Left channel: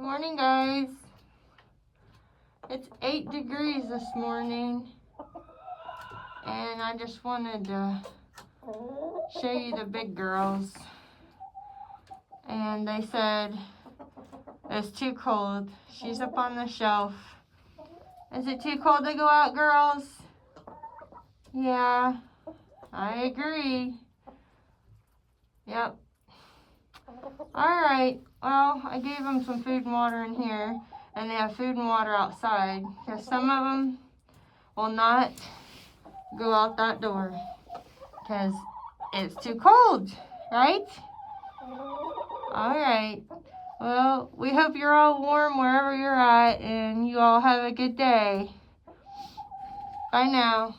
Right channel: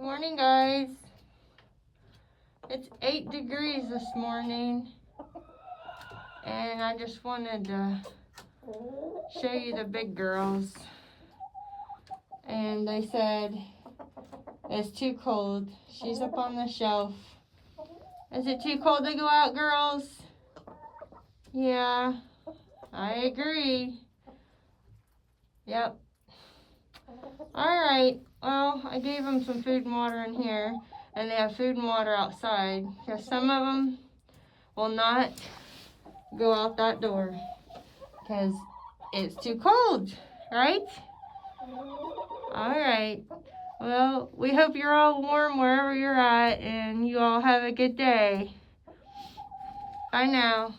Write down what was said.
Morning, guys. It's 8 degrees this morning, and I just wanted to show you the big girls. And they said it's too cold. She's up on the shelf. Is it too cold to go out, girls? Yeah, I agree. Yep. Alright, well, I gave them some food and water in here, and they have food and water outside, because some of them will not go out that door, because it's too cold, right? Alright, well, we hope you're all warm wherever you're at, and you all have a good day. Bye now.